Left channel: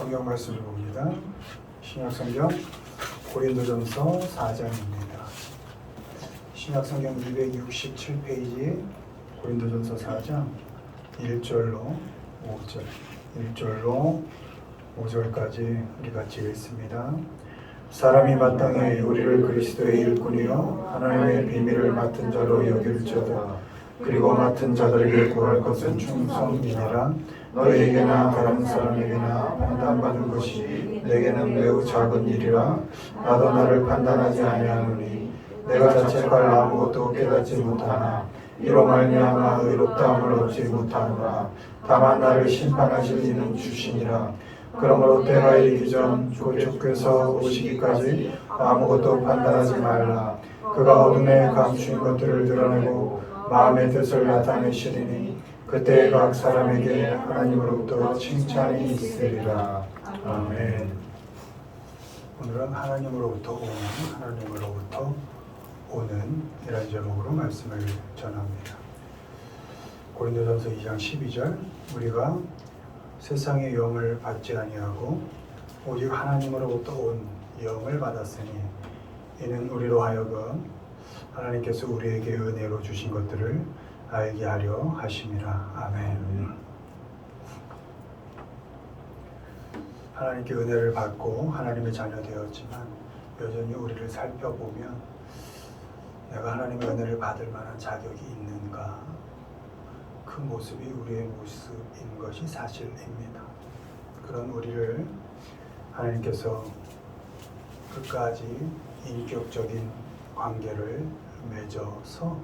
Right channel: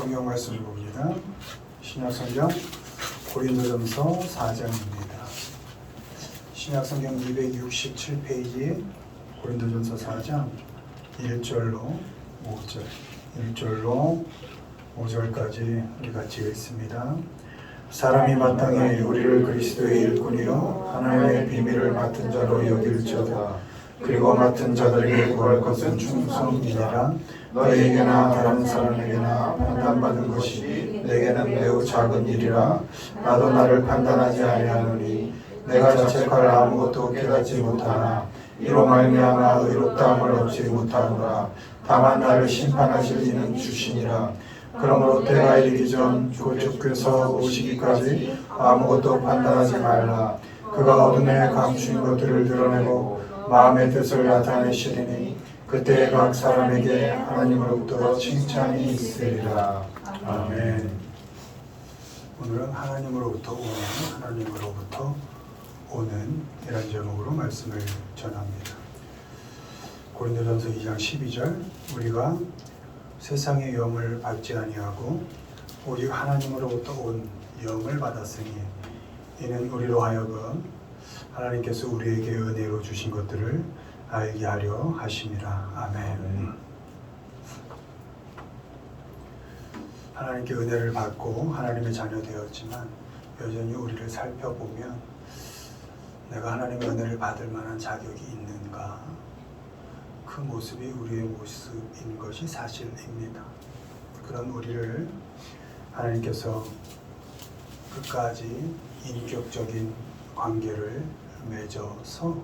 성경 말씀을 봅니다. 신약성경 고린도전서 4장입니다. 신약성경 267페이지 고린도전서 4장 1절로 5절 1절로 5절까지 우리 같이 읽습니다. 사람이 마땅히 우리를 그리스도의 일꾼이요 하나님의 비밀을 맡은 자로 여길지어다. 그리고 맡은 자들에게 구할 것은 충성이니라. 너희에게나 다른 사람에게나 판단받은 것이 내게는 매우 작은 일이라. 나도 나를 판단하지 아니하노니 내가 자책할 아무것도 깨닫지 못하나 이로 말미암아 의롭다함을 얻지 못하노라. 다만 나를 심판하실 이는 주시니라. 그러므로 때가 이르기 전 주께서 오시기까지 아무것도 판단하지 말라. 그가 어둠에 감추인 것들을 드러내고 마음의 뜻을 나타내시리니 그때 각 사람에게 하나님으로부터 칭찬이 있으리라. 아멘. 오늘은 하나님으로부터 오는 이런 제목으로 말씀을 전합니다. 고린도전서 2장 12절 우리가 세상의 영을 받지 아니하고 오직 하나님으로부터 온 영을 받았으니 이는 우리로 하여금 하나님께서 우리에게 은혜로 주신 것들을 알게 하려 하심이라. 아멘. 하나님께 은혜를 받고 하나님의 자녀 되었지만 여전히 우리를 살펴보면 내가 하나님의 은혜를 받을 만한 자격이 있는가? 그 모습이 우리의 모습인 것이 사실입니다. 그런 우리를 하나님께서 끝까지 인격적인 관계를 맺어서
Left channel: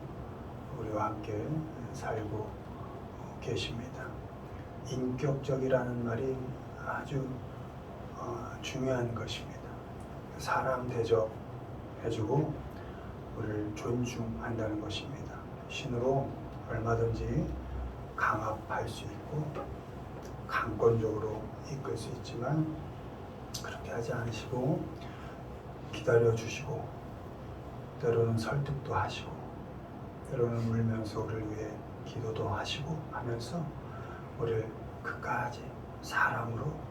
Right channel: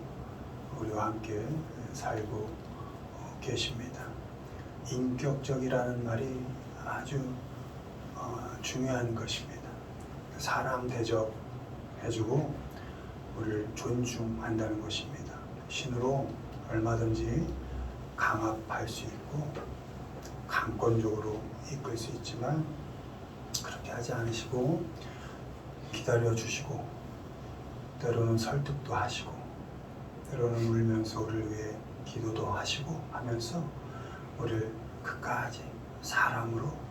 우리와 함께 살고 계십니다. 인격적이라는 말이 아주 중요한 것입니다. 사람 대접해주고 우리를 존중한다는 것입니다. 신으로 얼마든지 강압할 수 있고 강권적으로 이끌 수 있지만 그렇게 하지 않으시고 기다려주시고 때로는 설득도 하시고 때로는 울면서 우리를 위해 기도도 하시고 하면서 우리를 끝까지 사람으로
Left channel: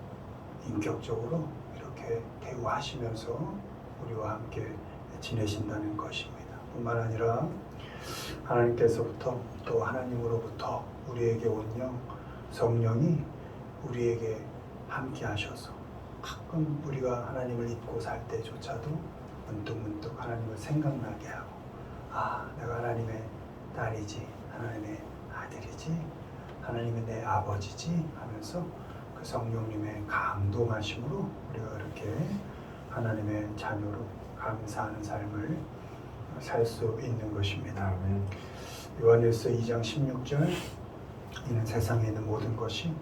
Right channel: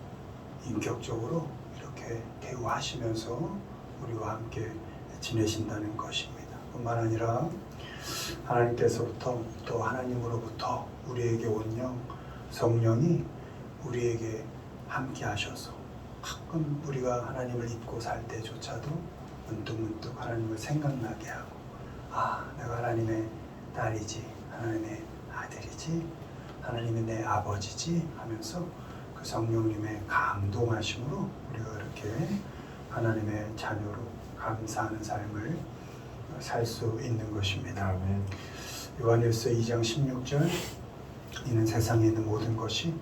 인격적으로 이렇게 대우하시면서 우리와 함께 지내신다는 것입니다. 뿐만 아니라 하나님께서부터 또 하나님으로부터 우리에게 온 영 성령이 우리에게 함께 하셔서 가끔 우리가 하나님을 잊고 살 때조차도 문득문득 하나님을 생각나게 하고 내가 하나님의 딸이지 하나님의 아들이지 하나님이 내 아버지지 하면서 그 성령님의 감동하심으로 우리가 그렇게 하나님의 자녀로 감사하는 삶을 살 수 있는 것입니다. 아멘. 요한일서 2장 16절 이는 세상에 있는 모든 것이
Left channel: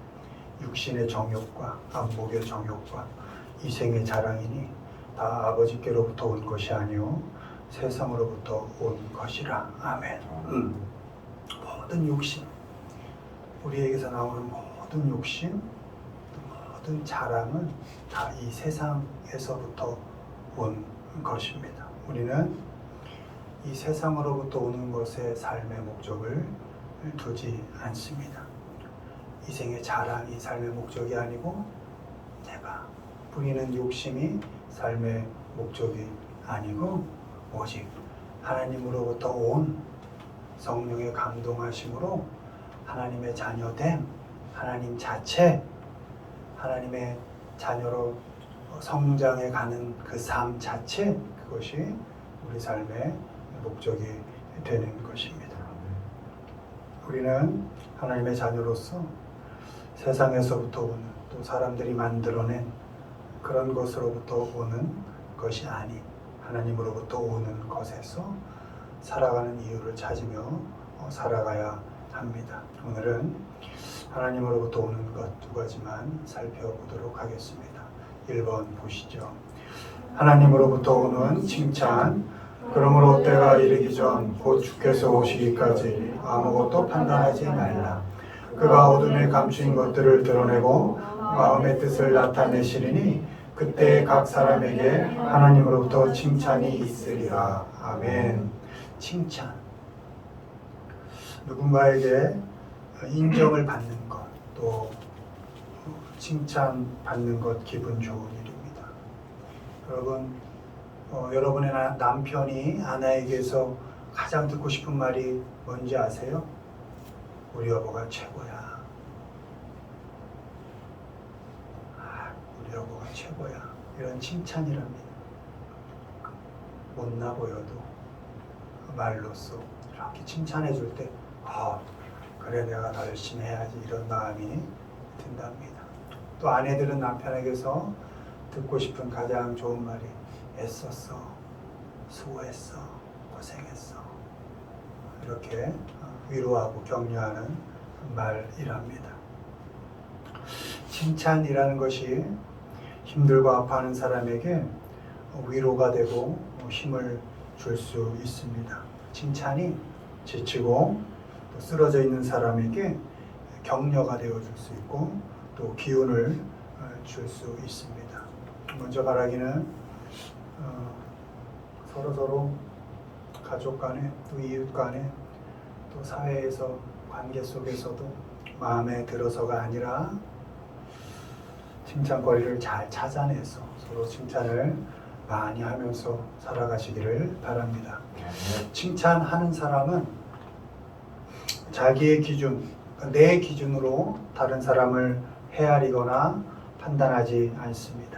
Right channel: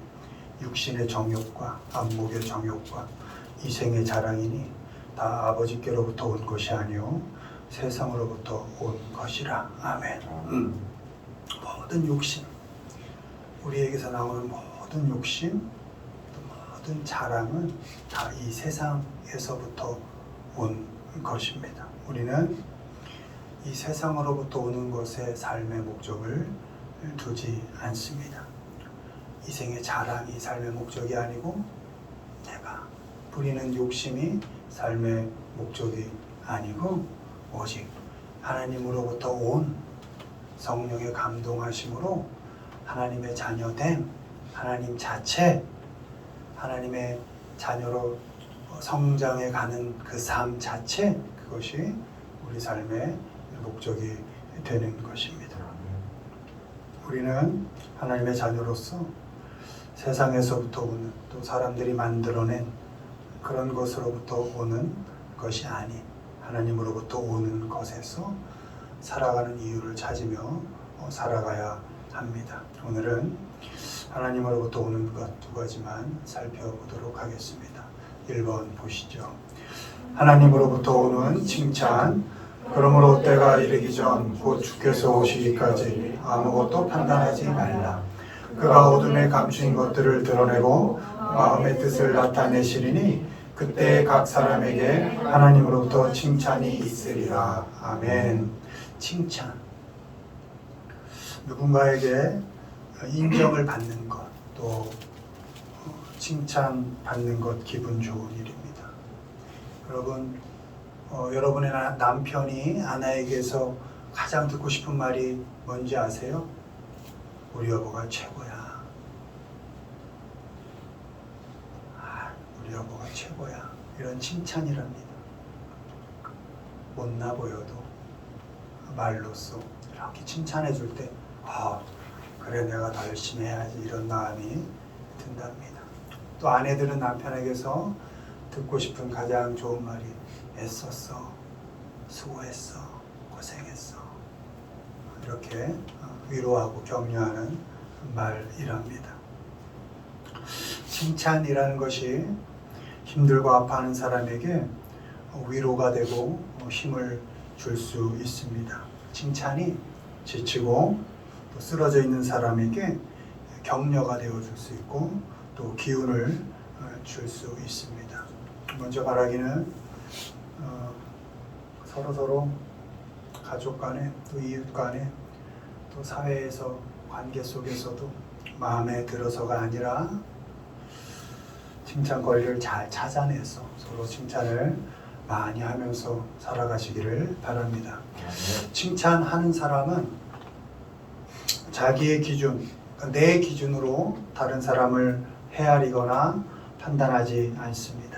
육신의 정욕과 안목의 정욕과 이생의 자랑이니 다 아버지께로부터 온 것이 아니요 세상으로부터 온 것이라. 아멘. 모든 욕심, 우리에게서 나오는 모든 욕심, 모든 자랑은 다 이 세상에서부터 온 것입니다. 우리는 이 세상으로부터 오는 것에 삶의 목적을 두지 않습니다. 이생의 자랑이 삶의 목적이 아니고 내가 부리는 욕심이 삶의 목적이 아니고 오직 하나님으로부터 온 성령의 감동하심으로 하나님의 자녀됨, 하나님 자체, 하나님의 자녀로 성장해 가는 그 삶 자체, 그것이 우리 삶의 목적이 되는 것입니다. 우리는 하나님의 자녀로서 세상에서부터 오는 또 사람들이 만들어낸 그런 것으로부터 오는 것이 아닌 하나님으로부터 오는 것에서 살아가는 이유를 찾으며 살아가야 합니다. 오늘은 하나님으로부터 오는 것 두 가지만 살펴보도록 하겠습니다. 1번 보시죠. 하나님으로부터 오는 칭찬. 그러므로 때가 이르기 전 곧 주께서 오시기까지 아무것도 판단하지 말라. 그가 어둠에 감추인 것들을 드러내고 마음의 뜻을 나타내시리니 그때 각 사람에게 하나님으로부터 칭찬이 있으리라. 아멘. 칭찬. 누군가에게 인정을 받는 것, 또 칭찬받는 것 기분 좋은 일입니다. 여러분, 여러분의 남편이 아내에게서 가장 듣고 싶은 말이 뭔지 아세요? 우리 여보가 최고야. 우리 여보가 최고야. 이런 칭찬이랍니다. 못나 보여도 말로써 이렇게 칭찬해 줄 때, 그래 내가 더 열심히 해야지, 이런 마음이 든답니다. 또 아내들은 남편에게서 듣고 싶은 가장 좋은 말이 애썼어, 수고했어, 고생했어, 이렇게 위로하고 격려하는 말이랍니다. 칭찬이라는 것이 힘들고 아파하는 사람에게 위로가 되고 힘을 줄 수 있습니다. 칭찬이 지치고 쓰러져 있는 사람에게 격려가 되어줄 수 있고 또 기운을 줄 수 있습니다. 먼저 말하기는 서로 가족 간에 또 이웃 간에 또 사회에서 관계 속에서도 마음에 들어서가 아니라 칭찬거리를 잘 찾아내서 서로 칭찬을 많이 하면서 살아가시기를 바랍니다. 칭찬하는 사람은 자기의 기준, 내 기준으로 다른 사람을 헤아리거나 판단하지 않습니다.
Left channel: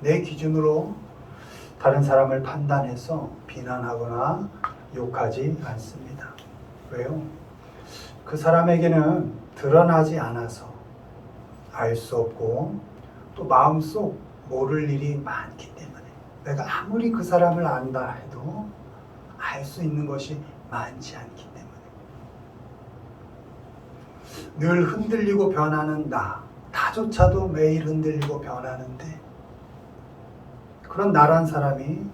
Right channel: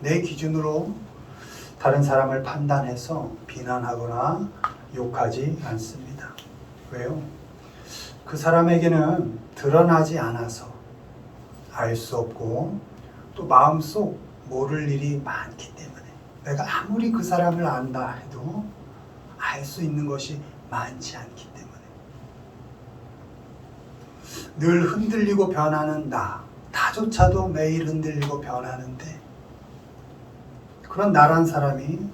내 기준으로 다른 사람을 판단해서 비난하거나 욕하지 않습니다. 왜요? 그 사람에게는 드러나지 않아서 알 수 없고 또 마음속 모를 일이 많기 때문에, 내가 아무리 그 사람을 안다 해도 알 수 있는 것이 많지 않기 때문에, 늘 흔들리고 변하는 나조차도 매일 흔들리고 변하는데, 그런 나란 사람이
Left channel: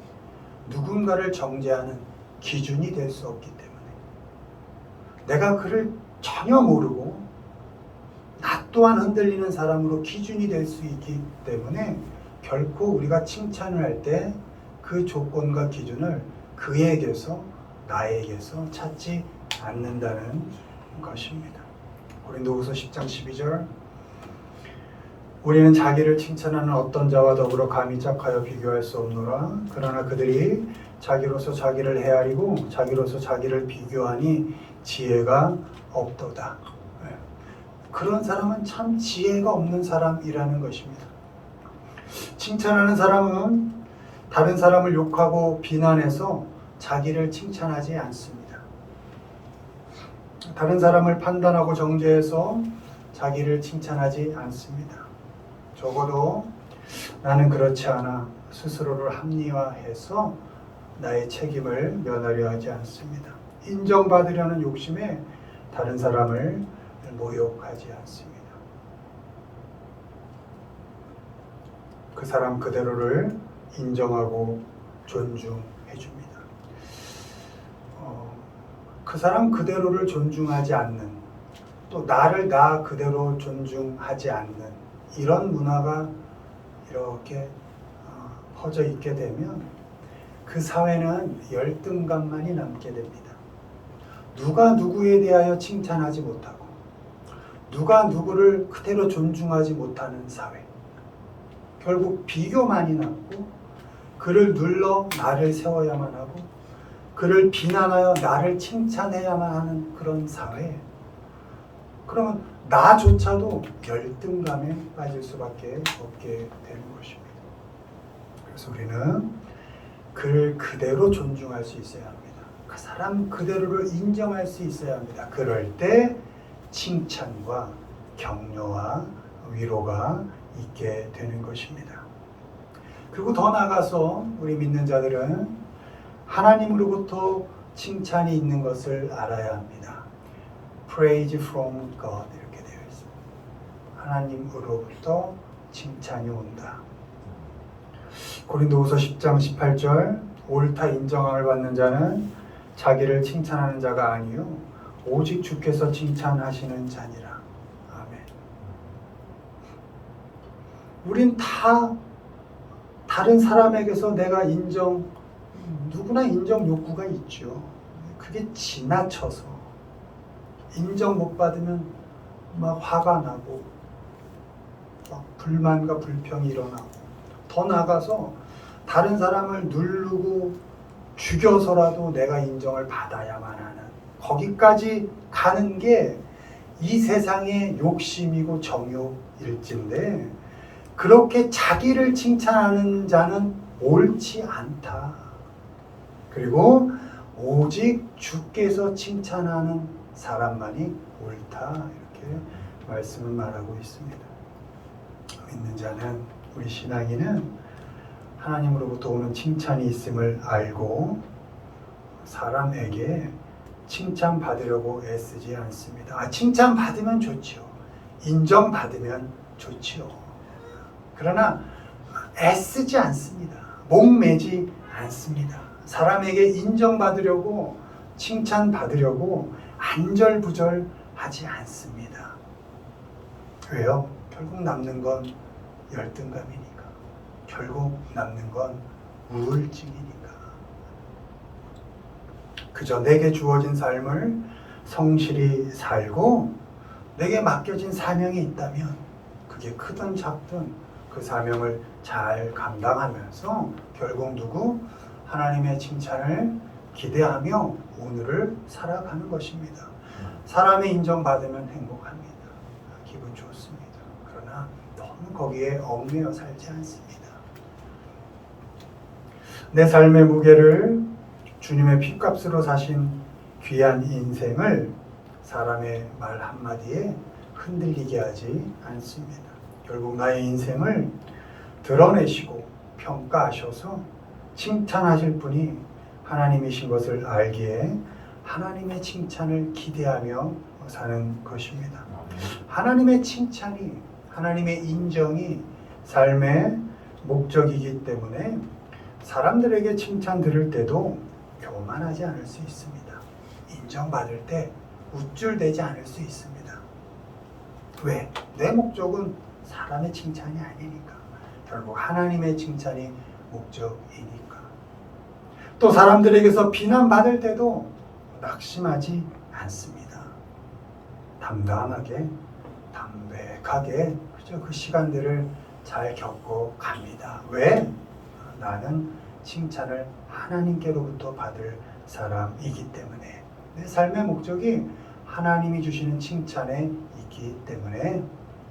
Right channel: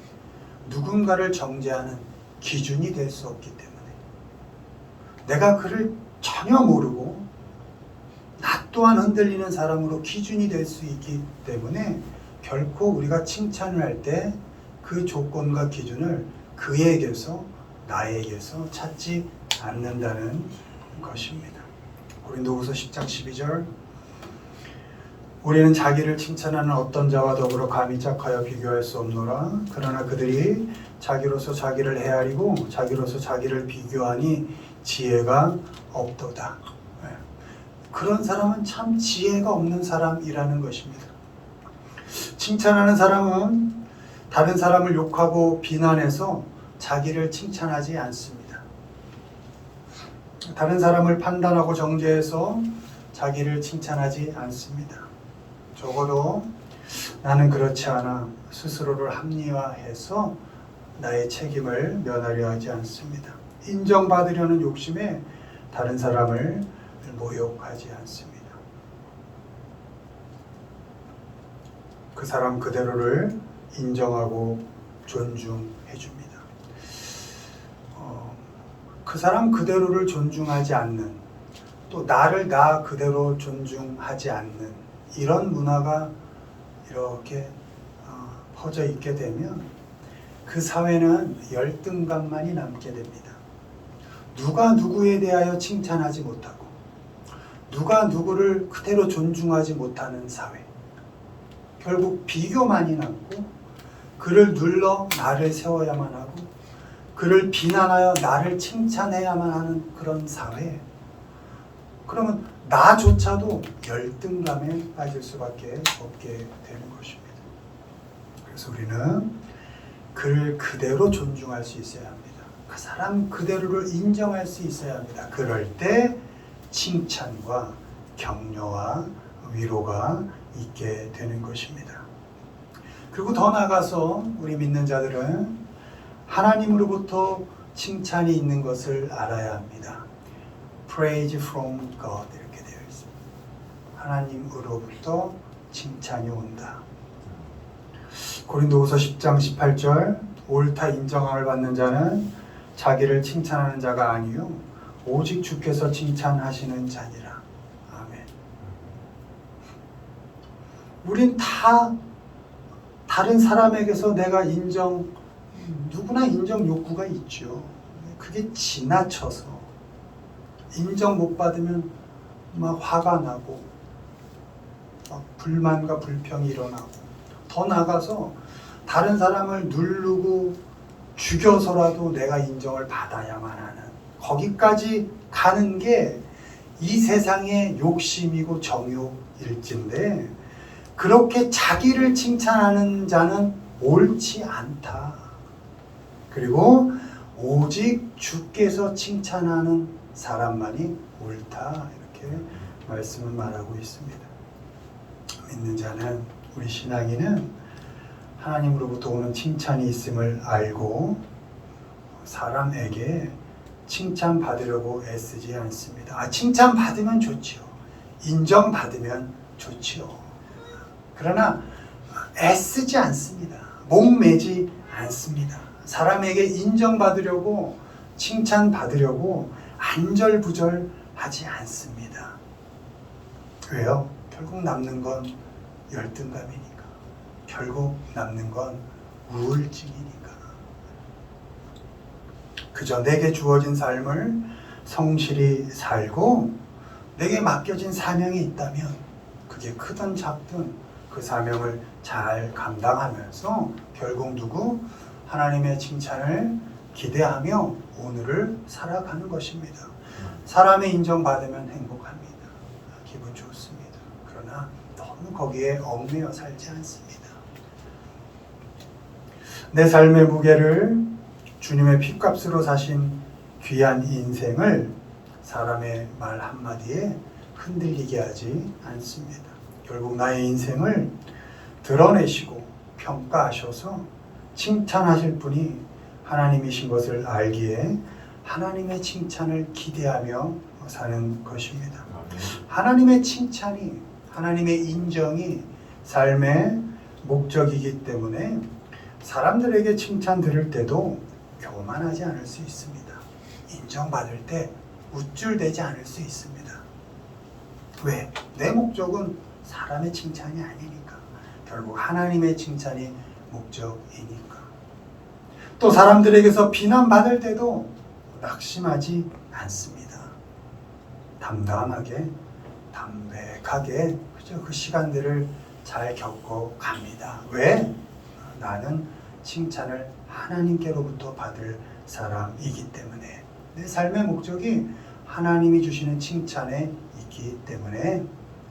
누군가를 정죄하는 기준이 될 수 없기 때문에, 내가 그를 전혀 모르고 나 또한 흔들리는 사람으로 기준이 될 수 있기 때문에 결코 우리가 칭찬을 할 때 그 조건과 기준을 그에게서 나에게서 찾지 않는다는 것입니다. 고린도후서 10장 12절, 우리는 자기를 칭찬하는 어떤 자와 더불어 감히 짝하여 비교할 수 없노라. 그러나 그들이 자기로서 자기를 헤아리고 자기로서 자기를 비교하니 지혜가 없도다. 그런 사람은 참 지혜가 없는 사람이라는 것입니다. 칭찬하는 사람은 다른 사람을 욕하고 비난해서 자기를 칭찬하지 않습니다. 다른 사람을 판단하고 정죄해서 자기를 칭찬하지 않습니다. 적어도 나는 그렇지 않아 스스로를 합리화해서 나의 책임을 면하려 하지 않습니다. 인정받으려는 욕심에 다른 사람을 모욕하지 않습니다. 그 사람 그대로를 인정하고 존중해 줍니다. 그 사람 그대로를 존중하지 않는, 또 나를 나 그대로 존중하지 않는 이런 문화가 이렇게 퍼져 있게 되면 그 사회는 열등감만이 남게 됩니다. 누가 누구에 대하여 칭찬하지 못하고 누가 누구를 그대로 존중하지 못하는 사회, 결국 비교만이 남고 그를 눌러 나를 세워야만 하고 그를 비난하여 나를 칭찬해야만 하는 그런 사회, 그러면 나조차도 열등감에 빠질 수밖에 없게 되는 것입니다. 그래서 우리는 그를 그대로 존중할 수 있어야 합니다. 그 사람 그대로를 인정할 수 있어야 합니다. 그럴 때 칭찬과 격려와 위로가 있게 되는 것입니다. 그리고 더 나아가서 우리 믿는 자들은 하나님으로부터 칭찬이 있는 것을 알아야 합니다. Praise from God 이렇게 되어 있습니다. 하나님으로부터 칭찬이 온다. 고린도후서 10장 18절, 옳다 인정함을 받는 자는 자기를 칭찬하는 자가 아니요 오직 주께서 칭찬하시는 자니라. 아멘. 우린 다른 사람에게서 내가 누구나 인정 욕구가 있죠. 그게 지나쳐서 인정 못 받으면 막 화가 나고 막 불만과 불평이 일어나고 더 나아가서 다른 사람을 누르고 죽여서라도 내가 인정을 받아야만 하는 거기까지 가는 게 이 세상의 욕심이고 정욕일진데 그렇게 자기를 칭찬하는 자는 옳지 않다. 그리고 오직 주께서 칭찬하는 사람만이 옳다. 이렇게 말씀을 말하고 있습니다. 믿는 자는 우리 신앙인은 하나님으로부터 오는 칭찬이 있음을 알고 사람에게 칭찬받으려고 애쓰지 않습니다. 칭찬받으면 좋지요. 인정받으면 좋지요. 그러나 애쓰지 않습니다. 목매지 않습니다. 사람에게 인정받으려고 칭찬받으려고 안절부절하지 않습니다. 왜요? 결국 남는 건 열등감이니까. 결국 남는 건 우울증이니까. 그저 내게 주어진 삶을 성실히 살고 내게 맡겨진 사명이 있다면 그게 크든 작든 그 사명을 잘 감당하면서 결국 누구? 하나님의 칭찬을 기대하며 오늘을 살아가는 것입니다. 사람의 인정받으면 행복합니다. 기분 좋습니다. 그러나 너무 거기에 얽매여 살지 않습니다. 내 삶의 무게를 주님의 핏값으로 사신 귀한 인생을 사람의 말 한마디에 흔들리게 하지 않습니다. 결국 나의 인생을 드러내시고 평가하셔서 칭찬하실 분이 하나님이신 것을 알기에 하나님의 칭찬을 기대하며 사는 것입니다. 하나님의 칭찬이, 하나님의 인정이 삶의 목적이기 때문에 사람들에게 칭찬 들을 때도 교만하지 않을 수 있습니다. 인정받을 때 우쭐대지 않을 수 있습니다. 왜? 내 목적은 사람의 칭찬이 아니니까. 결국 하나님의 칭찬이 목적이니까. 또 사람들에게서 비난받을 때도 낙심하지 않습니다. 담담하게, 담백하게 그저 그 시간들을 잘 겪어 갑니다. 왜? 나는 칭찬을 하나님께로부터 받을 사람이기 때문에 내 삶의 목적이 하나님이 주시는 칭찬에 있기 때문에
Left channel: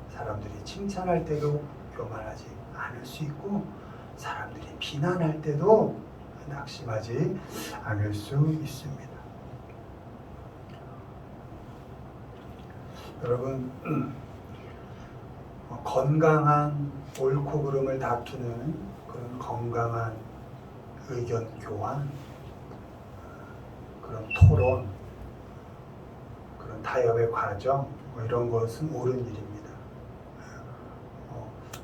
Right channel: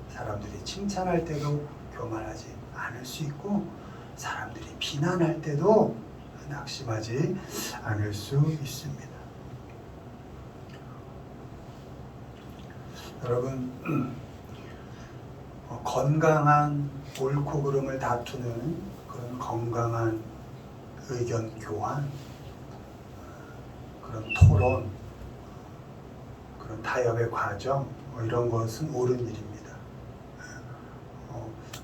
사람들이 칭찬할 때도 교만하지 않을 수 있고 사람들이 비난할 때도 낙심하지 않을 수 있습니다. 여러분 건강한 옳고 그름을 다투는 그런 건강한 의견 교환, 그런 토론, 그런 타협의 과정 이런 것은 옳은 일입니다.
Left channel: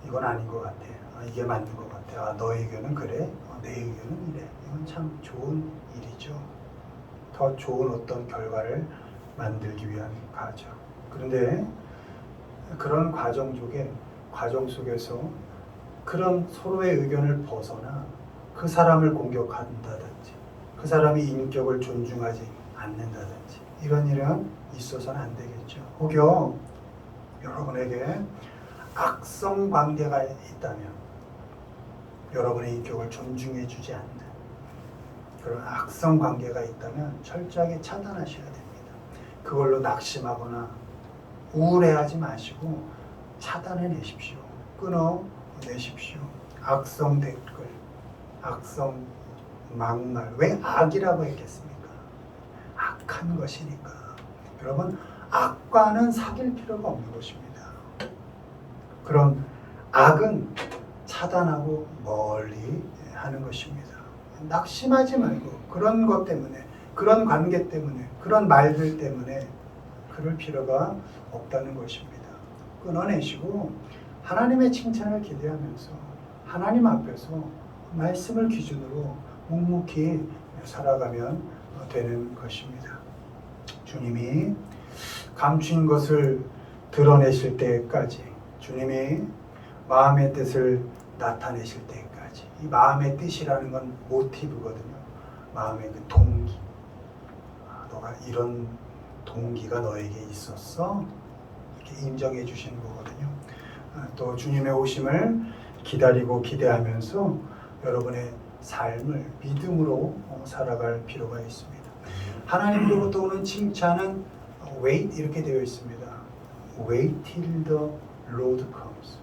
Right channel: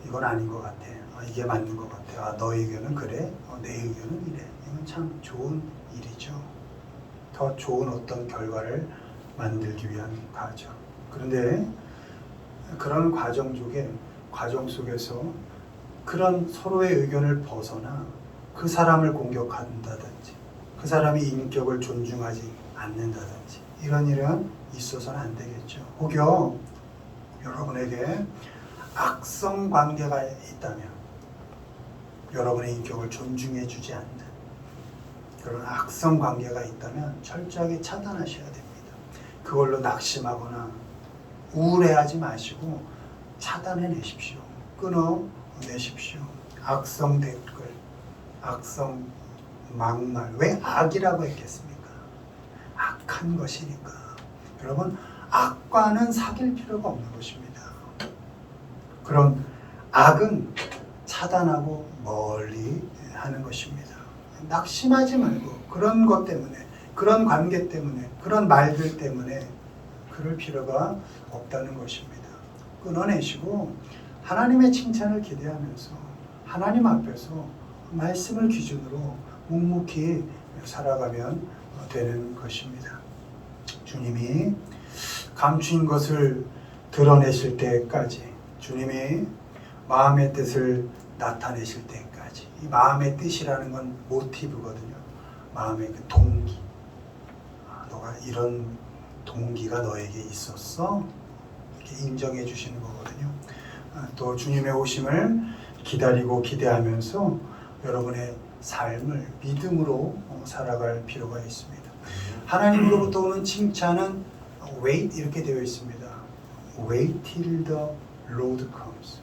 이건 아닌 것 같아. 이게 맞는 것 같아. 너의 의견은 그래? 내 의견은 이래. 이건 참 좋은 일이죠. 더 좋은 어떤 결과를 만들기 위한 과정. 그런데 그런 과정 속에서 그런 서로의 의견을 벗어나 그 사람을 공격한다든지 그 사람이 인격을 존중하지 않는다든지 이런 일은 있어서는 안 되겠죠. 혹여 여러분에게 악성 관계가 있다면 여러분의 인격을 존중해 주지 않는 그런 악성 관계가 있다면 철저하게 차단하셔야 됩니다. 그걸로 낙심하거나 우울해하지 마시고 차단해내십시오. 끊어내십시오. 악성 댓글, 악성 막말. 왜 악이라고 했겠습니까? 악한 것이니까. 여러분, 악과는 사귈 필요가 없는 것입니다. 그런 악은 차단하고 멀리 하는 것입니다. 낙심하지 말고 그런 것 때문에, 그런 관계 때문에, 그런 말들 때문에 그럴 필요가 없다는 것입니다. 끊어내시고 하나님의 칭찬을 기대하면서 하나님 앞에서 말씀을 기준으로 묵묵히 살아가면 되는 것입니다. 주님이 감추인 것을 드러내실 때까지, 주님이 마음의 뜻을 나타내실 때까지, 이 마음의 뜻이라는 건 모티브거든요. 마음의 그 동기. 너가 이런 동기가 너에게 있었어? 이렇게 인정해 주시는 거거든요. 또 주님의 오심을 기다리고 기대하면서 여러분의 삶을 믿음으로 살아갈 필요가 있습니다. 하나님으로부터 오는 칭찬은 wait 이렇게 되어 있습니다. Wait till the Lord comes.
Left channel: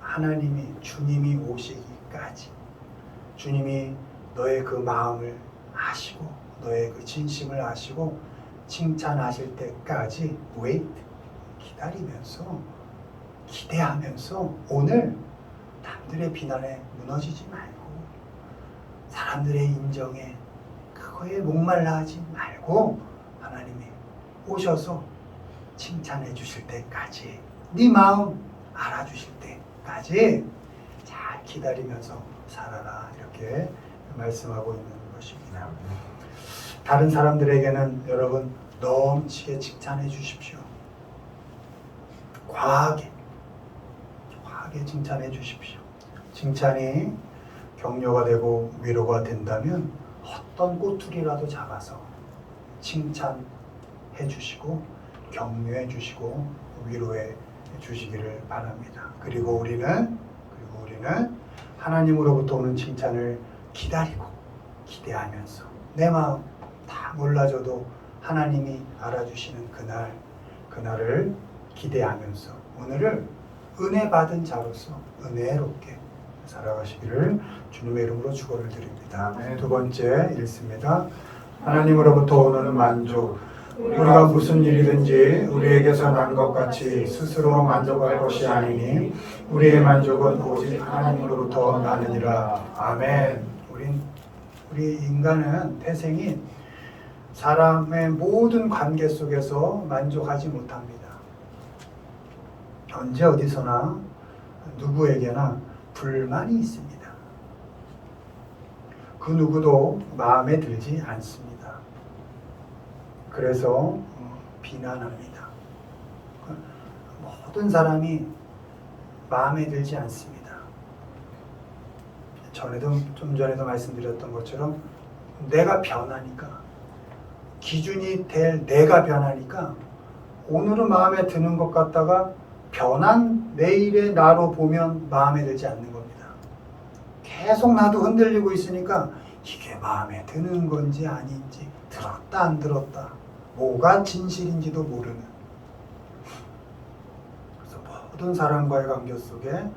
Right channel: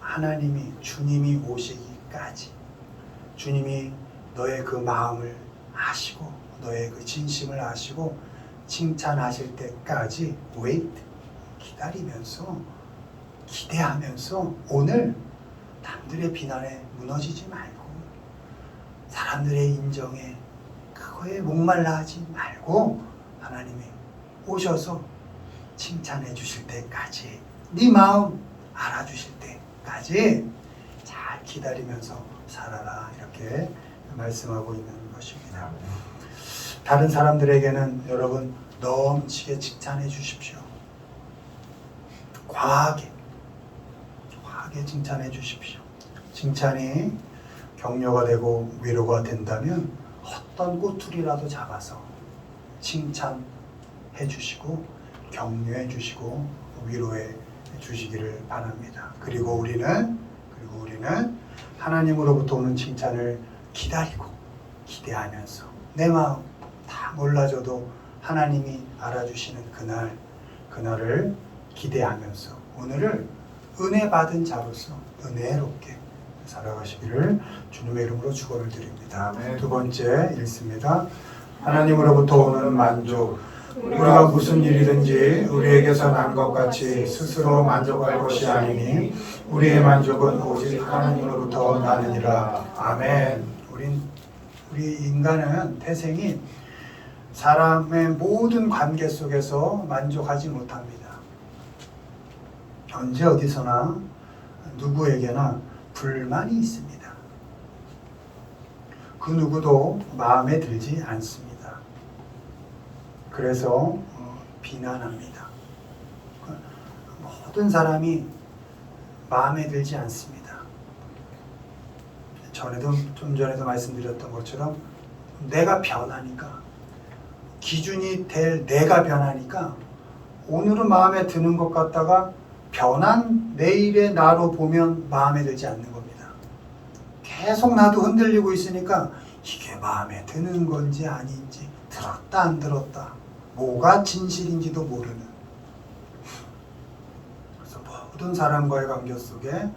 하나님이 주님이 오시기까지 주님이 너의 그 마음을 아시고 너의 그 진심을 아시고 칭찬하실 때까지 wait 기다리면서 기대하면서 오늘 남들의 비난에 무너지지 말고 사람들의 인정에 그거에 목말라 하지 말고 하나님이 오셔서 칭찬해 주실 때까지 네 마음 알아주실 때까지 잘 기다리면서 살아라 이렇게 말씀하고 있는 것입니다. 다른 사람들에게는 여러분 넘치게 칭찬해 주십시오. 과하게 칭찬해 주십시오. 칭찬이 격려가 되고 위로가 된다면 어떤 꼬투리라도 잡아서 칭찬해 주시고 격려해 주시고 위로해 주시기를 바랍니다. 그리고 우리는 하나님으로부터 오는 칭찬을 기다리고 기대하면서 내 마음 다 몰라줘도 하나님이 알아주시는 그날을 기대하면서 오늘을 은혜 받은 자로서 은혜롭게 살아가시기를 주님의 이름으로 축원을 드립니다. 두 번째 읽습니다. 하나님으로부터 오는 만족. 우리가 무슨 일이든지 우리에게서 난 것 같이 스스로 만족할 것이 아니니 우리의 만족은 오직 하나님으로부터 나느니라. 아멘. 우리 인간은 태생이 사람의 모든 관계 속에서 만족하지 못합니다. 언제 어디서나 누구에게나 불만이 있습니다. 그 누구도 마음에 들지 않습니다. 그래서 비난합니다. 모든 사람이 마음에 들지 않습니다. 좀 전에도 말씀드렸던 것처럼 내가 변하니까 기준이 될 내가 변하니까 오늘은 마음에 드는 것 같다가 변한 내일의 나로 보면 마음에 들지 않는 겁니다. 계속 나도 흔들리고 있으니까 이게 마음에 드는 건지 아닌지 들었다 안 들었다 뭐가 진실인지도 모르는 그래서 모든 사람과의 관계 속에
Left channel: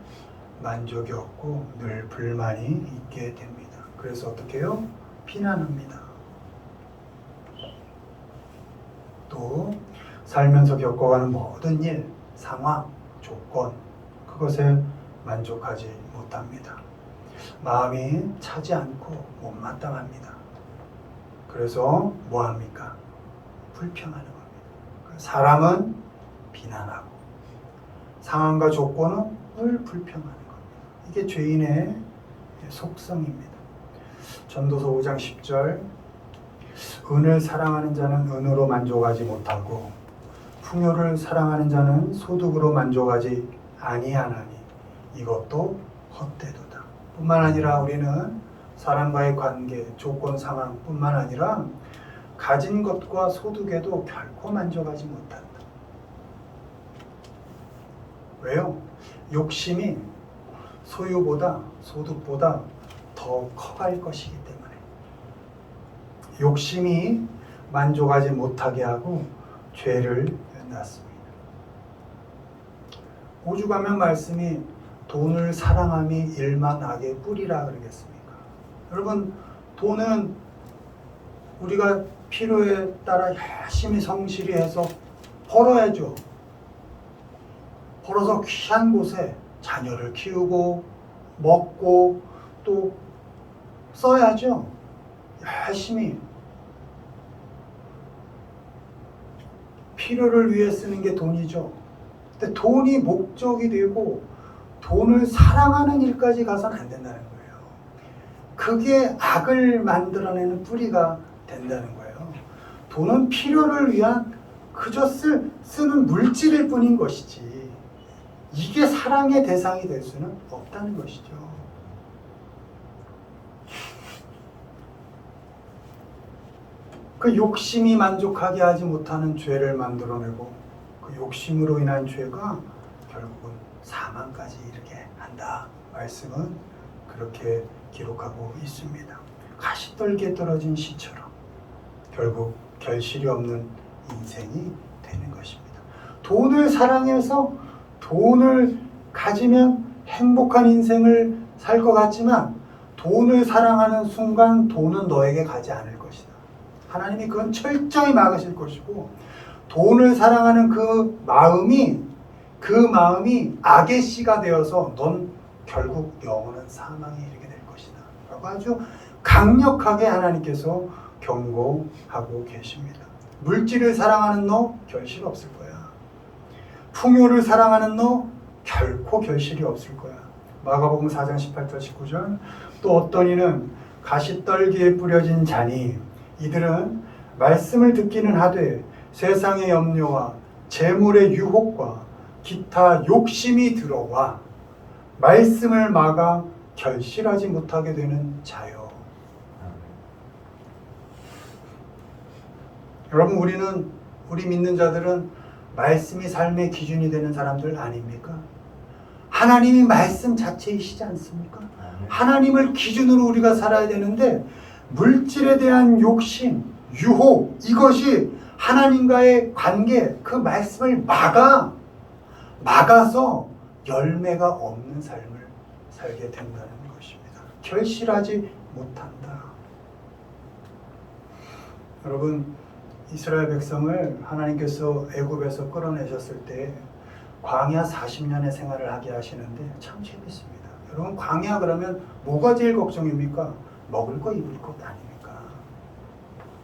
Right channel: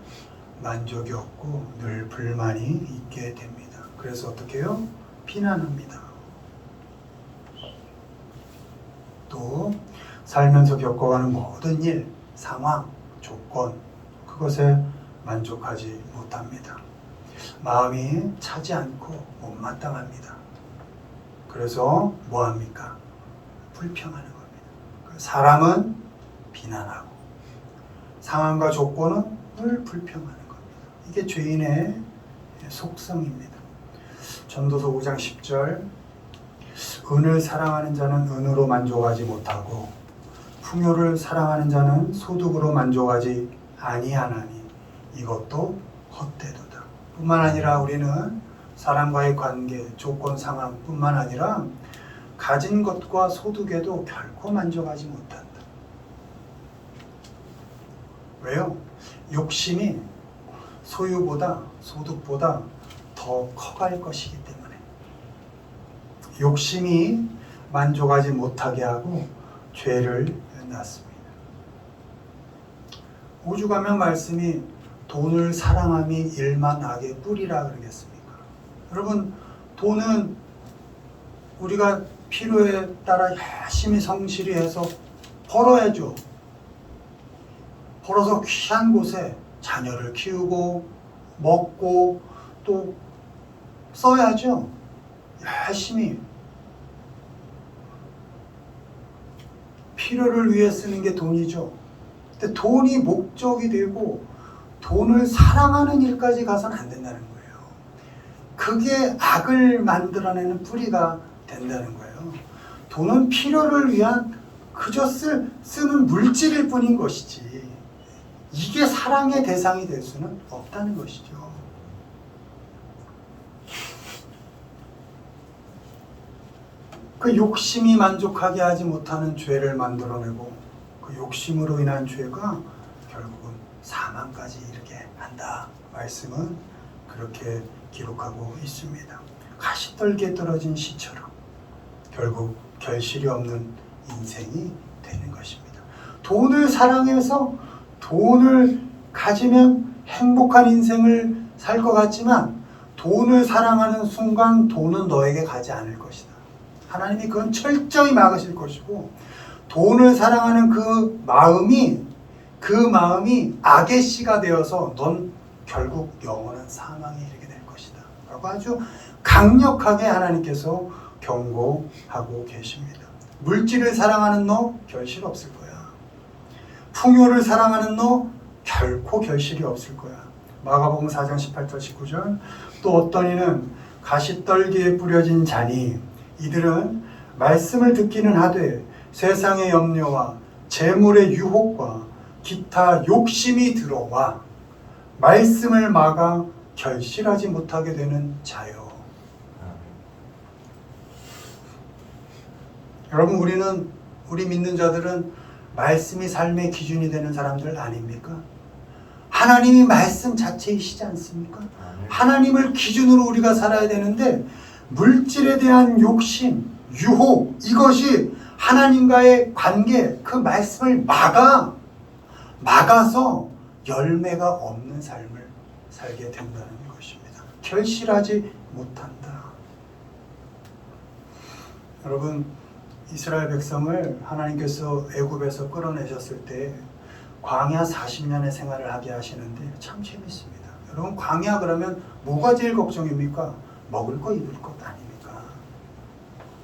만족이 없고 늘 불만이 있게 됩니다. 그래서 어떻게 해요? 비난합니다. 또 살면서 겪어가는 모든 일, 상황, 조건 그것에 만족하지 못합니다. 마음이 차지 않고 못마땅합니다. 그래서 뭐합니까? 불평하는 겁니다. 사람은 비난하고 상황과 조건은 늘 불평하는 겁니다. 이게 죄인의 속성입니다. 전도서 5장 10절 은을 사랑하는 자는 은으로 만족하지 못하고 풍요를 사랑하는 자는 소득으로 만족하지 아니하나니 이것도 헛되도다. 뿐만 아니라 우리는 사람과의 관계, 조건, 상황뿐만 아니라 가진 것과 소득에도 결코 만족하지 못한다. 왜요? 욕심이 소유보다 소득보다 더 커갈 것이기 때문에 욕심이 만족하지 못하게 하고 죄를 낳습니다. 오죽하면 말씀이 돈을 사랑함이 일만 악의 뿌리라 그러겠습니까? 여러분 돈은 우리가 필요에 따라 열심히 성실히 해서 벌어야죠. 벌어서 귀한 곳에 자녀를 키우고 먹고 또 써야죠. 열심히 필요를 위해 쓰는 게 돈이죠. 근데 돈이 목적이 되고 돈을 사랑하는 일까지 가서는 안 된다는 거예요. 그게 악을 만들어내는 뿌리가 된다는 거예요. 돈은 필요를 위한 그저 쓰는 물질일 뿐인 것이지 이게 사랑의 대상이 될 수는 없다는 것이죠. 그 욕심이 만족하게 하지 못하는 죄를 만들어내고 그 욕심으로 인한 죄가 결국은 사망까지 이르게 한다. 말씀은 그렇게 기록하고 있습니다. 가시떨기에 떨어진 씨처럼 결국 결실이 없는 인생이 되는 것입니다. 돈을 사랑해서 돈을 가지면 행복한 인생을 살 것 같지만 돈을 사랑하는 순간 돈은 너에게 가지 않을 것이다. 하나님이 그건 철저히 막으실 것이고 돈을 사랑하는 그 마음이 악의 씨가 되어서 넌 결국 영원한 사망에 이르게 될 것이다. 라고 아주 강력하게 하나님께서 경고하고 계십니다. 물질을 사랑하는 너 결실 없을 거야. 풍요를 사랑하는 너 결코 결실이 없을 거야. 마가복음 4장 18절 19절 또 어떤 이는 가시떨기에 뿌려진 자니 이들은 말씀을 듣기는 하되 세상의 염려와 재물의 유혹과 기타 욕심이 들어와 말씀을 막아 결실하지 못하게 되는 자요. 여러분 우리 믿는 자들은 말씀이 삶의 기준이 되는 사람들 아닙니까? 하나님이 말씀 자체이시지 않습니까? 하나님을 기준으로 우리가 살아야 되는데 물질에 대한 욕심, 유혹 이것이 하나님과의 관계 그 말씀을 막아서 열매가 없는 삶을 살게 된다는 것입니다. 결실하지 못한다. 여러분 이스라엘 백성을 하나님께서 애굽에서 끌어내셨을 때 광야 40년의 생활을 하게 하시는데 참 재밌습니다. 여러분 광야 그러면 뭐가 제일 걱정입니까? 먹을 거 입을 것 아닙니까?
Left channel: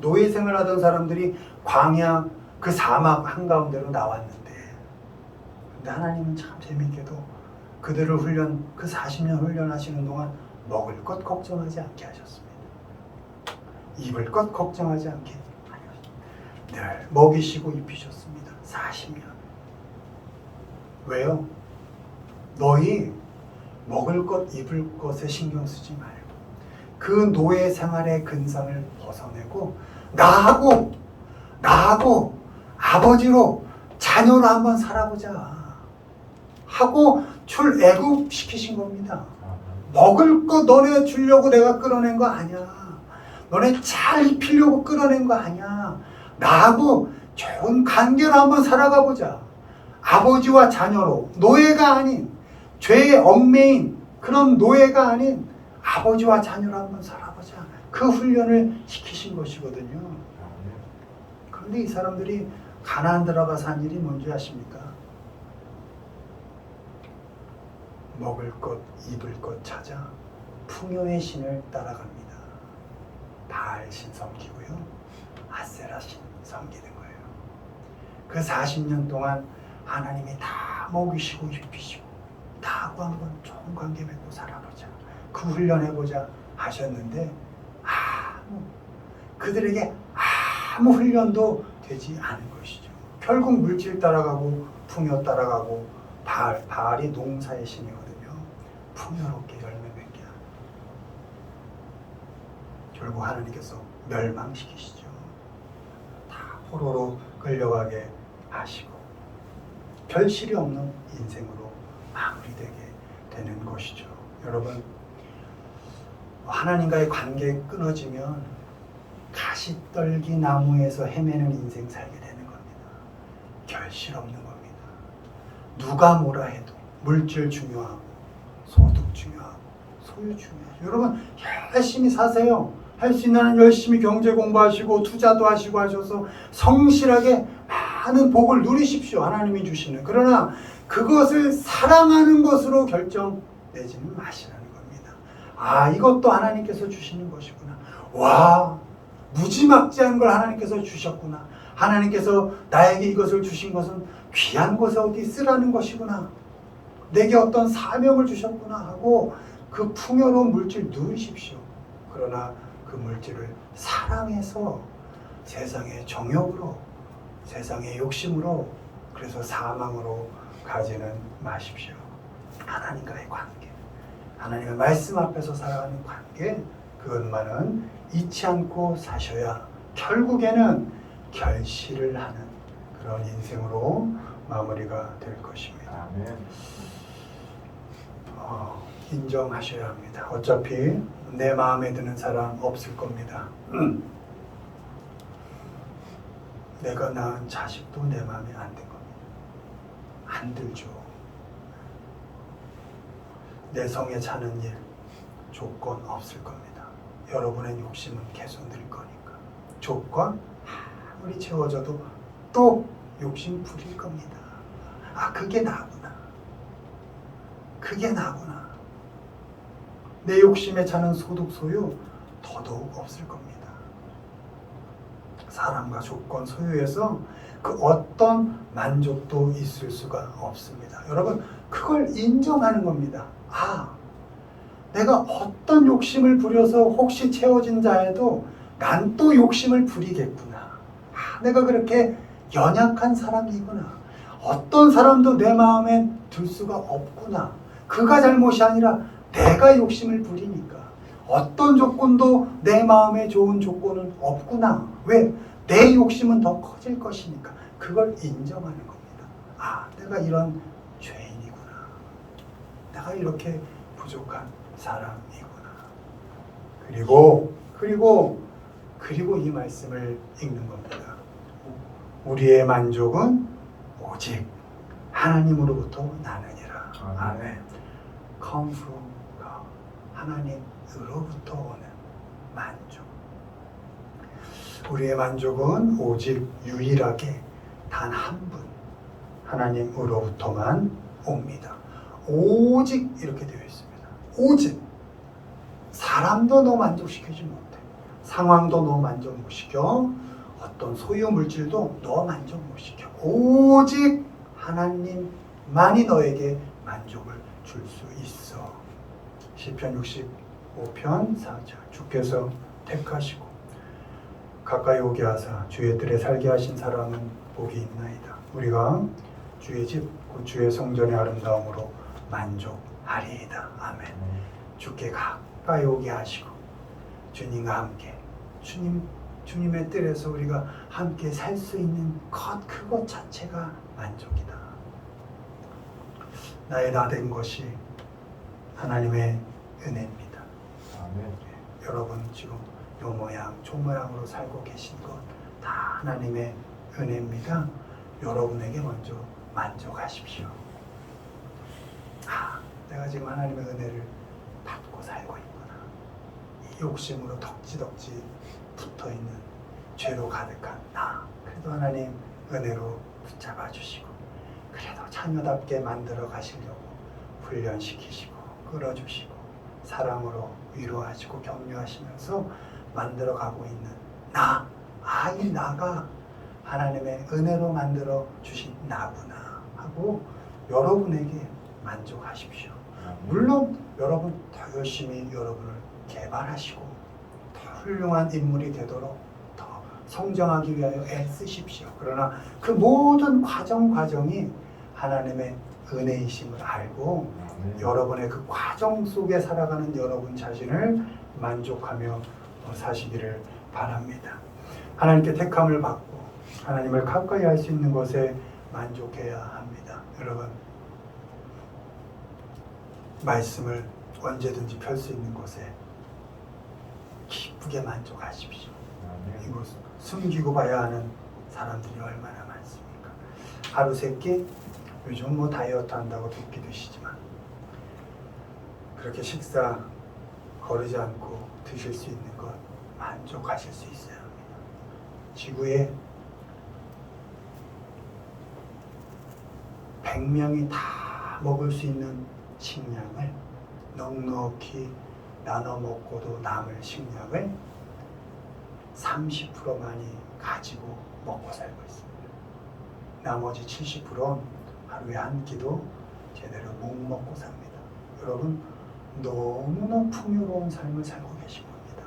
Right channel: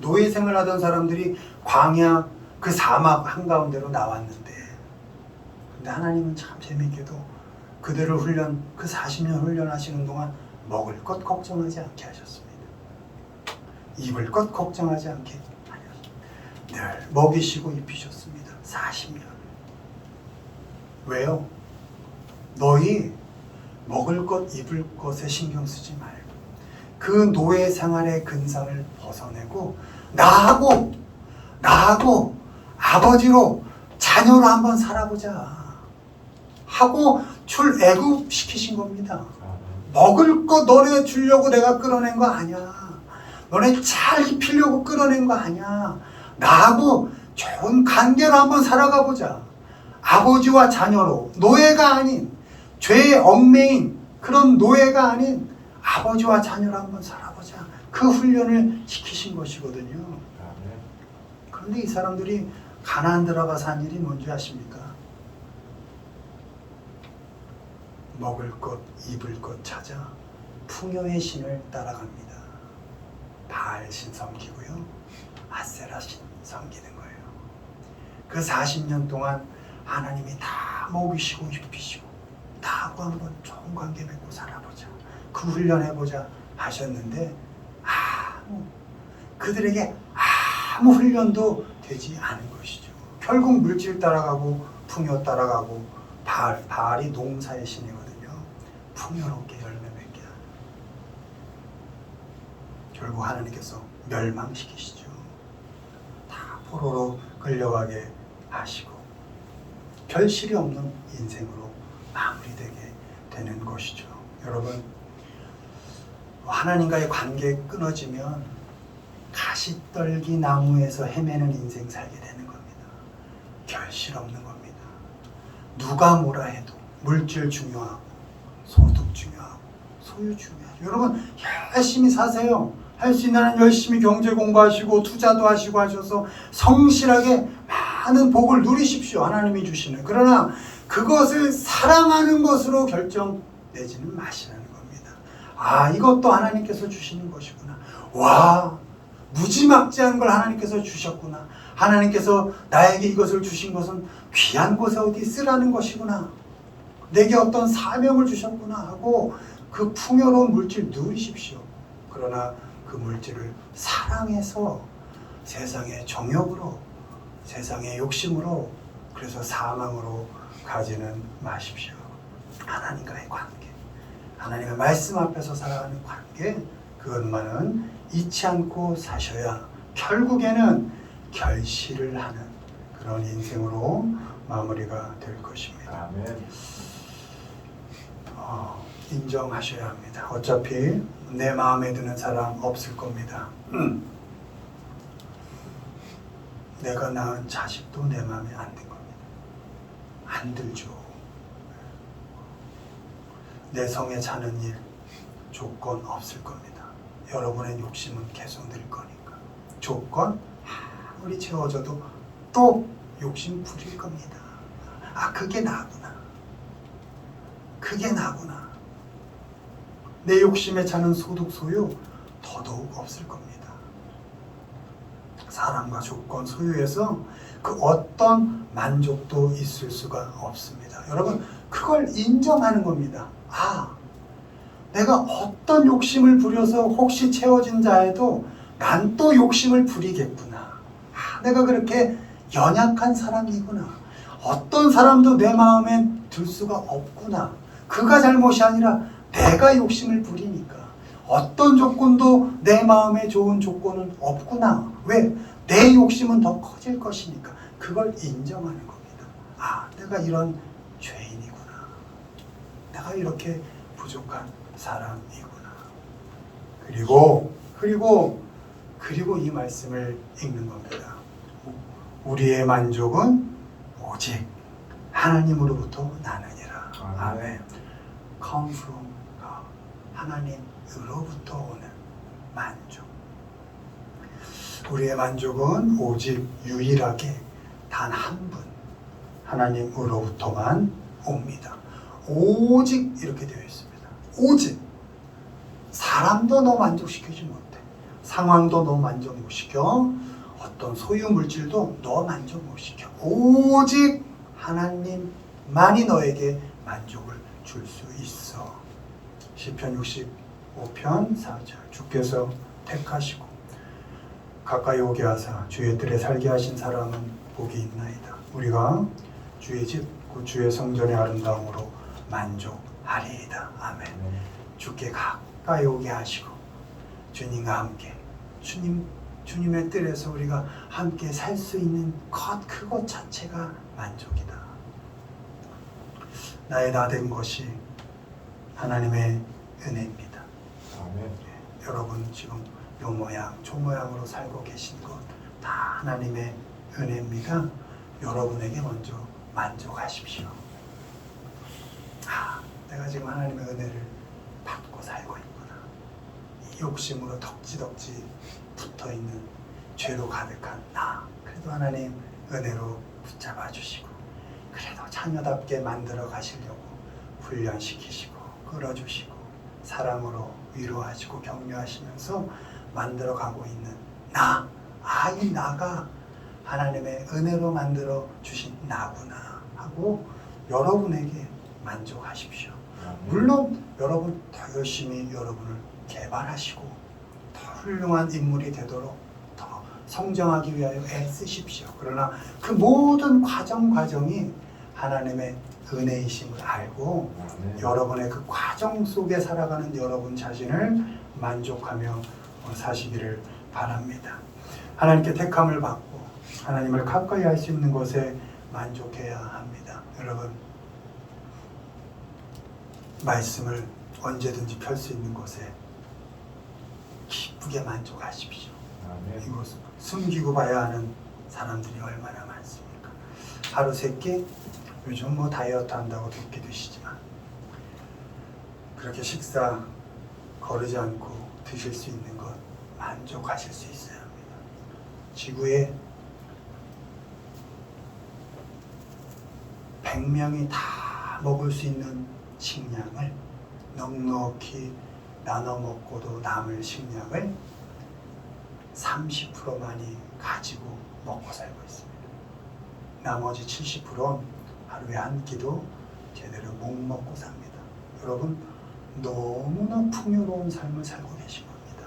노예 생활하던 사람들이 광야 그 사막 한가운데로 나왔는데 근데 하나님은 참 재밌게도 그들을 그 40년 훈련하시는 동안 먹을 것 걱정하지 않게 하셨습니다. 입을 것 걱정하지 않게 하셨습니다. 늘 먹이시고 입히셨습니다. 40년. 왜요? 너희 먹을 것 입을 것에 신경 쓰지 말고 그 노예 생활의 근성을 벗어내고 나하고 아버지로 자녀로 한번 살아보자 하고 출애굽 시키신 겁니다. 먹을 거 너네 주려고 내가 끌어낸 거 아니야. 너네 잘 입히려고 끌어낸 거 아니야. 나하고 좋은 관계로 한번 살아가 보자. 아버지와 자녀로 노예가 아닌 죄의 얽매인 그런 노예가 아닌 아버지와 자녀로 한번 살아보자. 그 훈련을 시키신 것이거든요. 그런데 이 사람들이 가나안 들어가서 한 일이 뭔지 아십니까? 먹을 것, 입을 것 찾아 풍요의 신을 따라갑니다. 바알 신 섬기고요. 아세라 신 섬기는 거예요. 그 40년 동안 하나님이 다 먹이시고 입히시고 나하고 한번 좋은 관계 맺고 살아보자. 그 훈련해보자 하셨는데 그들에게 아무 훈련도 되지 않은 것이죠. 결국 물질 따라가고 풍요 따라가고 바알이 농사의 신이거든요. 풍요롭게 열매 맺게 하는. 결국 하나님께서 멸망시키시죠. 다 포로로 끌려가게 하시고 결실이 없는 인생으로 마무리되게 되는 것이죠. 여러분 하나님과의 관계 끊어지면 가시떨기 나무에서 헤매는 인생 살게 되는 겁니다. 결실 없는 겁니다. 누가 뭐라 해도 물질 중요하고 소득 중요하고 소유 중요하죠. 여러분 열심히 사세요. 할 수 있는 한 열심히 경제 공부하시고 투자도 하시고 하셔서 성실하게 많은 복을 누리십시오. 하나님이 주시는. 그러나 그것을 사랑하는 것으로 결정내지는 마시라는 겁니다. 이것도 하나님께서 주시는 것이구나. 와, 무지막지한 걸 하나님께서 주셨구나. 하나님께서 나에게 이것을 주신 것은 귀한 곳에 어디 쓰라는 것이구나. 내게 어떤 사명을 주셨구나 하고 그 풍요로운 물질 누리십시오. 그러나 그 물질을 사랑해서 세상의 정욕으로 세상의 욕심으로 그래서 사망으로 가지는 마십시오. 하나님과의 관계, 하나님의 말씀 앞에서 살아가는 관계, 그것만은 잊지 않고 사셔야 결국에는 결실을 하는 그런 인생으로 마무리가 될 것입니다. 아멘. 인정하셔야 합니다. 어차피 내 마음에 드는 사람 없을 겁니다. 내가 낳은 자식도 내 마음에 안 들 겁니다. 안 들죠. 내 성에 차는 일 조건 없을 겁니다. 여러분의 욕심은 계속 늘 거니까. 조건 아무리 채워져도 또 욕심 부릴 겁니다. 아, 그게 나구나. 그게 나구나. 내 욕심에 차는 소득 소유 더더욱 없을 겁니다. 사랑과 조건 소유에서 그 어떤 만족도 있을 수가 없습니다. 여러분, 그걸 인정하는 겁니다. 아, 내가 어떤 욕심을 부려서 혹시 채워진 자에도 난 또 욕심을 부리겠구나. 아, 내가 그렇게 연약한 사람이구나. 어떤 사람도 내 마음에 들 수가 없구나. 그가 잘못이 아니라 내가 욕심을 부리니까. 어떤 조건도 내 마음에 좋은 조건은 없구나. 왜? 내 욕심은 더 커질 것이니까. 그걸 인정하는 겁니다. 아, 내가 이런 죄인이구나. 내가 이렇게 부족한 사람이구나. 그리고 이 말씀을 읽는 겁니다. 우리의 만족은 오직 하나님으로부터 나느니라. 아멘. Come from God. 하나님으로부터 오는 만족. 우리의 만족은 오직 유일하게 단 한 분, 하나님으로부터만 옵니다. 오직 이렇게 되어 있습니다. 오직. 사람도 너 만족시키지 못해. 상황도 너 만족 못 시켜. 어떤 소유 물질도 너 만족 못 시켜. 오직 하나님만이 너에게 만족을 줄 수 있어. 시편 65편 4절. 주께서 택하시고 가까이 오게 하사 주의 뜰에 살게 하신 사람은 복이 있나이다. 우리가 주의 집, 주의 성전의 아름다움으로 만족하리이다. 아멘. 주께 가까이 오게 하시고 주님과 함께 주님의 뜰에서 우리가 함께 살 수 있는 그것 자체가 만족이다. 나의 나 된 것이 하나님의 은혜입니다. 아멘. 여러분 지금 요 모양, 저 모양으로 살고 계신 것 다 하나님의 은혜입니다. 여러분에게 먼저 만족하십시오. 아, 내가 지금 하나님의 은혜를 받고 살고 있구나. 이 욕심으로 덕지덕지 붙어있는 죄로 가득한 나. 그래도 하나님 은혜로 붙잡아 주시고 그래도 자녀답게 만들어 가시려고 훈련시키시고 끌어주시고 사랑으로 위로하시고 격려하시면서 만들어가고 있는 나. 아, 이 나가 하나님의 은혜로 만들어 주신 나구나 하고 여러분에게 만족하십시오. 물론 여러분 더 열심히 여러분을 개발하시고 더 훌륭한 인물이 되도록 더 성장하기 위하여 애쓰십시오. 그러나 그 모든 과정이 하나님의 은혜이심을 알고 여러분의 그 과정 속에 살아가는 여러분 자신을 만족하며 사시기를 바랍니다. 하나님께 택함을 받고 하나님을 가까이 할 수 있는 것에 만족해야 합니다. 여러분, 말씀을 언제든지 펼 수 있는 것에 기쁘게 만족하십시오. 이거 숨기고 봐야 하는 사람들이 얼마나 많습니까? 하루 세 끼, 요즘 뭐 다이어트 한다고 100끼 드시지만 그렇게 식사 거르지 않고 드실 수 있는 것 만족하실 수 있어야 합니다. 지구에 100명이 다 먹을 수 있는 식량을 넉넉히 나눠 먹고도 남을 식량을 30%만이 가지고 먹고 살고 있습니다. 나머지 70%는 하루에 한 끼도 제대로 못 먹고 삽니다. 여러분, 너무나 풍요로운 삶을 살고 계신 겁니다.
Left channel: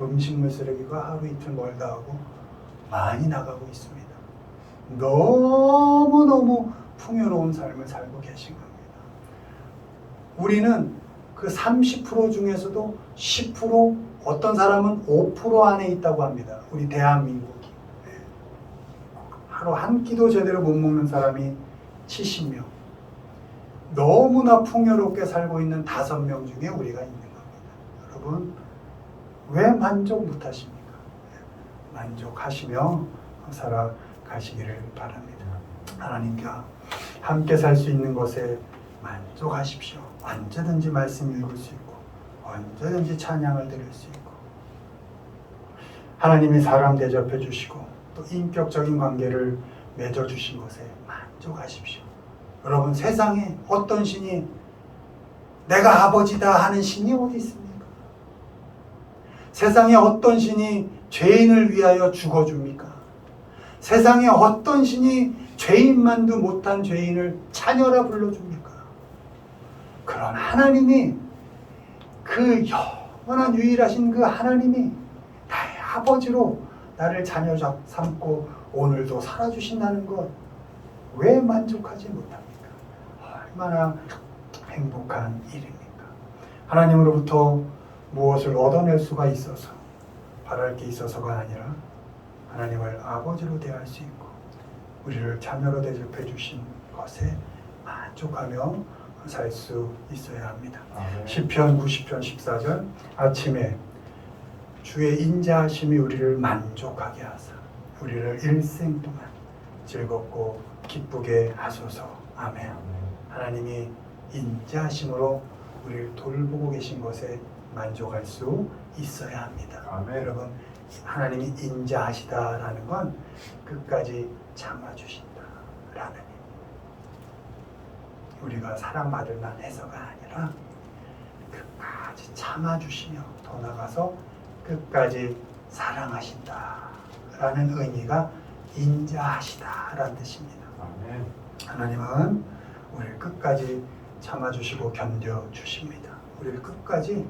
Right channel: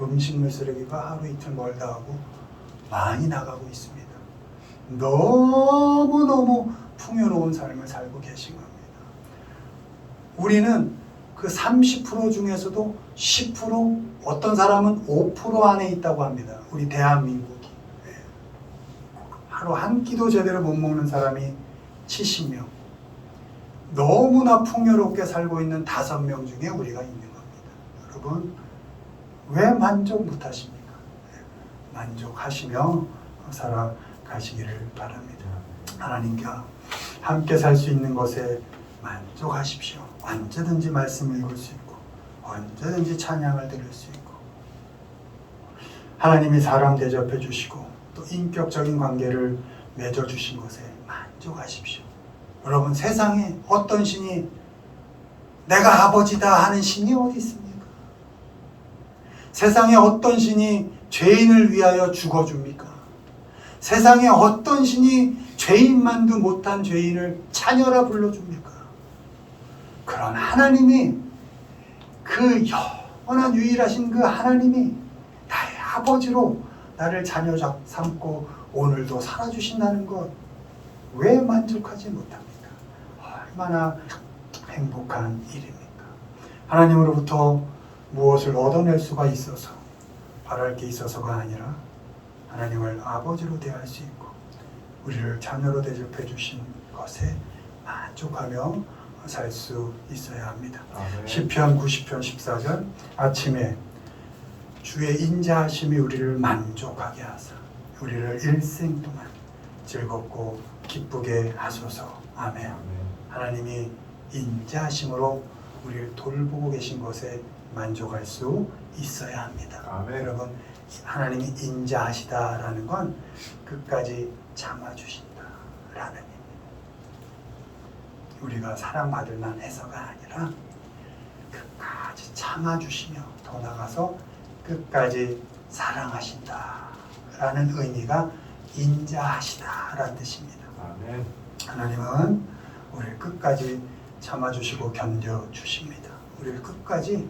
음식물 쓰레기가 하루 이틀 멀다 하고 많이 나가고 있습니다. 너무너무 풍요로운 삶을 살고 계신 겁니다. 우리는 그 30% 중에서도 10%, 어떤 사람은 5% 안에 있다고 합니다. 우리 대한민국이. 하루 한 끼도 제대로 못 먹는 사람이 70명. 너무나 풍요롭게 살고 있는 5명 중에 우리가 있는 겁니다. 여러분, 왜 만족 못하십니까? 만족하시며 살아가시기를 바랍니다. 하나님과 함께 살 수 있는 것에 만족하십시오. 언제든지 말씀 읽을 수 있고 언제든지 찬양을 드릴 수 있고 하나님이 사람 대접해 주시고 또 인격적인 관계를 맺어 주신 것에 만족하십시오. 여러분, 세상에 어떤 신이 내가 아버지다 하는 신이 어디 있습니까? 세상에 어떤 신이 죄인을 위하여 죽어줍니까? 세상에 어떤 신이 죄인만도 못한 죄인을 자녀라 불러줍니까? 그런 하나님이, 그 영원한 유일하신 그 하나님이 나의 아버지로 나를 자녀 삼고 오늘도 살아주신다는 것, 왜 만족하지 못합니까? 얼마나 행복한 일입니까? 하나님으로부터 무엇을 얻어낼 수가 있어서, 바랄 게 있어서가 아니라 하나님을 아버지로 대할 수 있고 우리를 자녀로 대접해 주신 것에 만족하며 살 수 있어야 합니다. 시편 90편 14절, 아침에 주의 인자하심이 우리를 만족하게 하사 우리를 일생 동안 즐겁고 기쁘게 하소서. 아멘. 하나님이 인자하심으로 우리를 돌보고 계신 것에 만족할 수 있어야 합니다. 아멘. 여러분, 하나님이 인자하시다라는 건 끝까지 참아주신다라는 의미입니다. 우리가 사랑받을 만해서가 아니라 끝까지 참아주시며 더 나아가서 끝까지 사랑하신다라는 의미가 인자하시다라는 뜻입니다. 아멘. 하나님은 우리를 끝까지 참아주시고 견뎌주십니다. 우리를 끝까지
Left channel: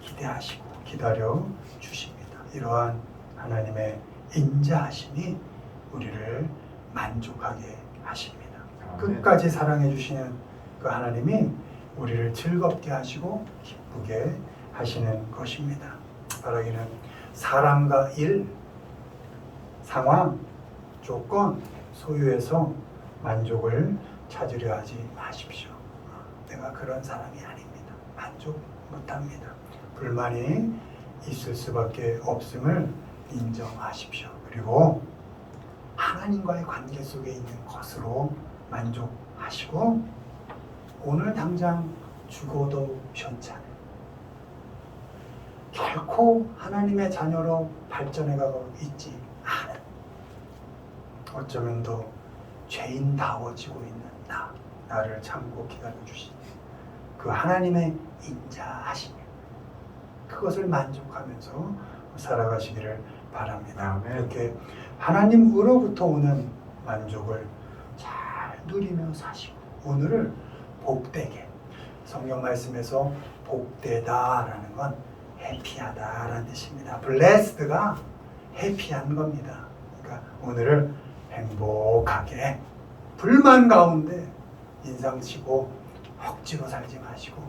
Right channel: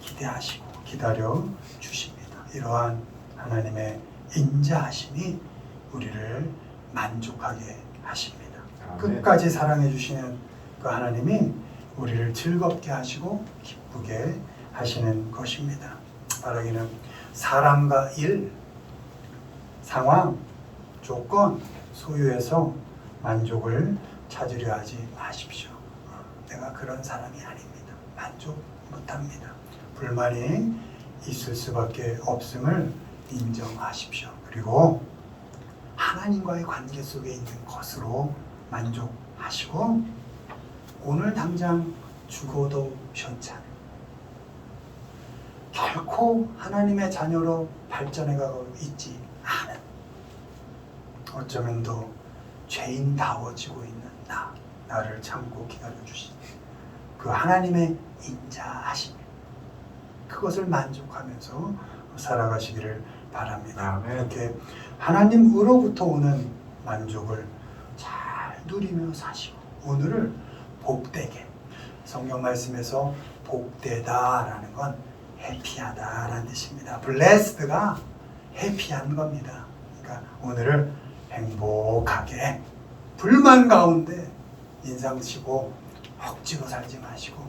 기대하시고 기다려 주십니다. 이러한 하나님의 인자하심이 우리를 만족하게 하십니다. 아멘. 끝까지 사랑해 주시는 그 하나님이 우리를 즐겁게 하시고 기쁘게 하시는 것입니다. 바라기는 사람과 일, 상황, 조건, 소유에서 만족을 찾으려 하지 마십시오. 내가 그런 사람이 아닙니다. 만족 못합니다. 불만이 있을 수밖에 없음을 인정하십시오. 그리고 하나님과의 관계 속에 있는 것으로 만족하시고 오늘 당장 죽어도 현찮, 결코 하나님의 자녀로 발전해가고 있지 않은, 어쩌면 더 죄인다워지고 있는 나를 참고 기다려주신 그 하나님의 인자하심, 그것을 만족하면서 살아가시기를 바랍니다. 아멘. 이렇게 하나님으로부터 오는 만족을 잘 누리며 사시고 오늘을 복되게, 성경 말씀에서 복되다라는 건 해피하다라는 뜻입니다. blessed가 해피한 겁니다. 그러니까 오늘을 행복하게, 불만 가운데 인상 쓰고 억지로 살지 마시고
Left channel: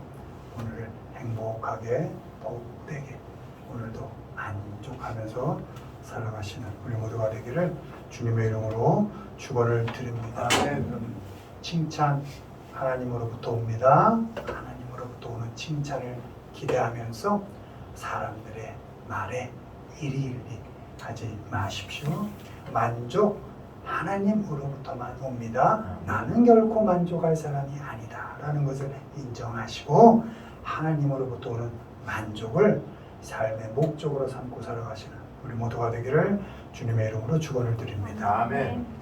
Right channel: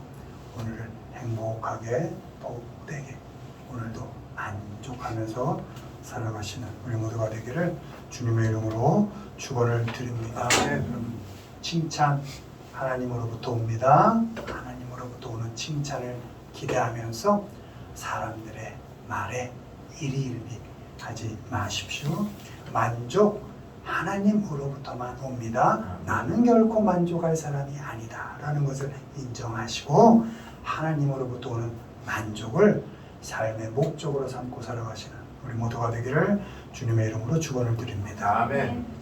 오늘을 행복하게 복되게 오늘도 만족하면서 살아가시는 우리 모두가 되기를 주님의 이름으로 축원을 드립니다. 칭찬 하나님으로부터 옵니다. 하나님으로부터 오는 칭찬을 기대하면서 사람들의 말에 이리이리 하지 마십시오. 만족 하나님으로부터만 옵니다. 나는 결코 만족할 사람이 아니다 라는 것을 인정하시고 하나님으로부터 오는 만족을 삶의 목적으로 삼고 살아가시는 우리 모두가 되기를 주님의 이름으로 축원을 드립니다. 아멘.